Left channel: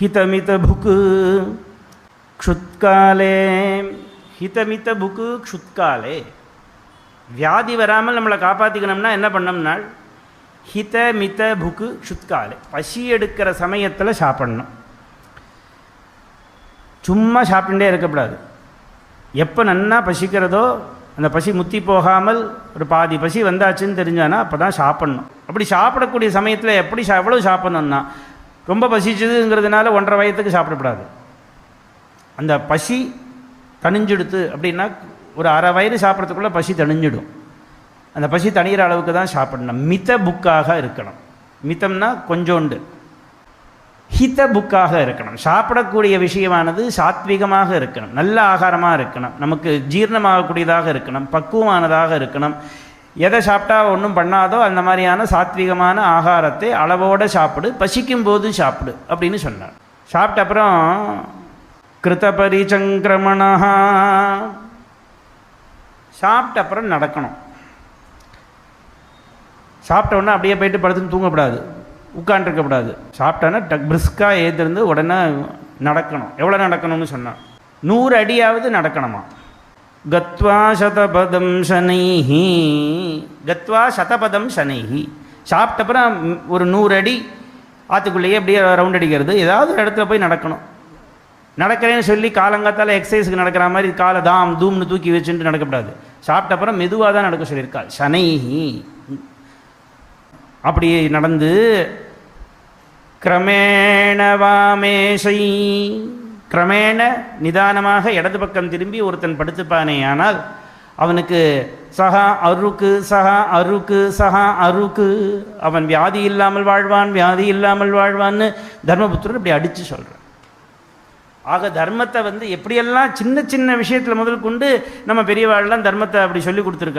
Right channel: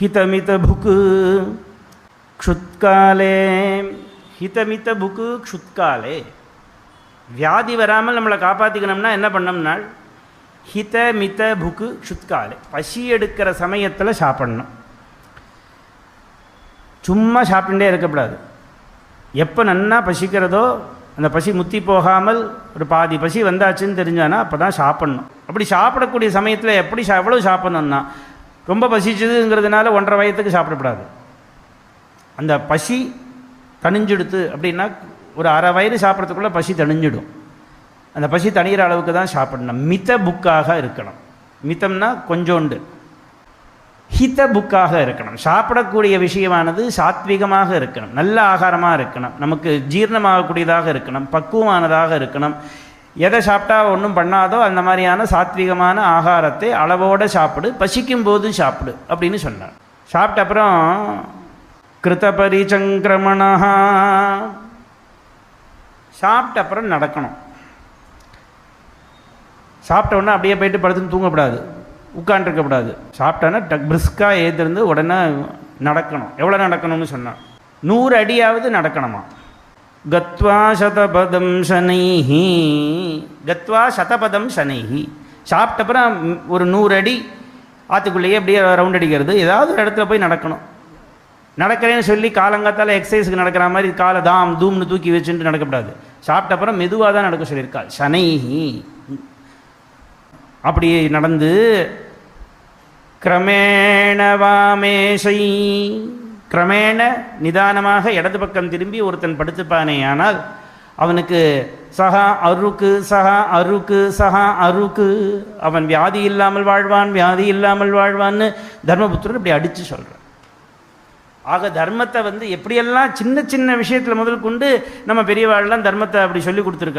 ஹிதமித book க்ஷுத்காலே. ஹிதமித book க்ஷுத்காலே. வியாதி வராமல் நம்மளை காப்பாற்றிக்கணும்னா என்ன பண்ணணும்னா ஹிதமித புக்கு க்ஷுத்காலே. பசி எடுக்கிற சமயத்தில் சாப்பிடலாம். சும்மா சாப்பிட்டுட்டே இருக்கக்கூடாது. எப்போ நன்னா பசிக்கிறதோ அந்த பசி முத்தி போகாமல் ஒரு பாதி பசி வந்தாச்சுன்னு தெரிஞ்சானா அப்போ தான் சாப்பிடணும். அப்படி சாப்பிடக்கூடிய சமயத்தில் எப்படி எவ்வளோ சாப்பிடணும்னா, ரொம்ப பசிச்சதுங்கிறதுனால 1.5 வயத்துக்கு சாப்பிடக்கூடாது. அந்த பசி தணிஞ்சிடுத்து அப்படின்னா ஒரு 1/2 வயிறு சாப்பிட்றதுக்குள்ளே பசி தணிஞ்சிடும். அந்த பசி தணிகிற அளவுக்கு தான் சாப்பிடணும். மித புக்காக இருக்கணும். மிதம்னா கொஞ்சோண்டு. ஹித புக்காக இருக்கணும். சாப்பிடக்கூடிய விஷயமானது சாத்விகமாக இருக்கணும், நல்ல ஆகாரமாக இருக்கணும், நமக்கு ஜீரணமாகக்கூடியதாக இருக்கணும், பக்குவமானதாக இருக்கணும். எதை சாப்பிட்டா ஒன்றும் பண்ணாதோ அந்த மாதிரியான சாத்விகமான ஆகாரத்தை அளவோடு சாப்பிடு, பசிக்கும் போது சாப்பிடு அப்படின்னு சொன்னார். சாப்பிட்ட அப்புறம் கிருத பரிசங்கிரமணா, சாப்பிட்ட அப்புறம் நடக்கணும். சாப்பிட்ட உடனே அப்படியே போயிட்டு படுத்துன்னு தூங்கக்கூடாது, உட்காண்டிருக்கக்கூடாது. சாப்பிட்டானா பிரிஸ்காக ஏற்றிருந்து உடனே நடக்கணும். எவ்வளோ நடக்கணும்னு சொன்னார், 100 அடியாவது நடக்கணுமா. கத்வா சதபதம் சனைஹி, கத்வா சதபதம் சனைஹி. சாப்பிட்டப்புறம் ஒரு 100 அடி ஆற்றுக்குள்ளேயே அப்படியே ரவுண்ட் அடிக்கிறது, ஏதாவது ஒரு இடத்துல போய் நடக்கணும். நடக்கிறேன்னு சொல்லி காலங்காத்தால் எக்ஸசைஸுக்கு நடக்கிற மாதிரி காலை தாம் தூம்னு தூக்கி வச்சுட்டு நடக்கக்கூடாது. சாப்பிட்ட அப்புறம் மெதுவாக தான் நடக்க சொல்லியிருக்கா. சனைஹி. அப்படியே நடந்து கிரமேண வாமேஷை, கிரமேண நிதானமாக இடது பக்கம் திரும்பி ஒருத்தன் படுத்துப்பானே ஆனால் அவனுக்கு சஹா அருக்கு சஹா அருக்கு சஹா அருக்கு, அவன் வியாதி இல்லாமல் வாழ்வான், வியாதி இல்லாமல் வாழ்வான்னு தர்மபுத்திரர் இப்படி அடித்து சொல்கிறார். ஆக தர்மத்தை எப்படியெல்லாம் சின்ன சின்ன விஷயத்தில் முதல் கொண்டு நம்ம பெரியவாழ்லாம் தர்மத்தை அப்படி சொல்லி கொடுத்துருக்க.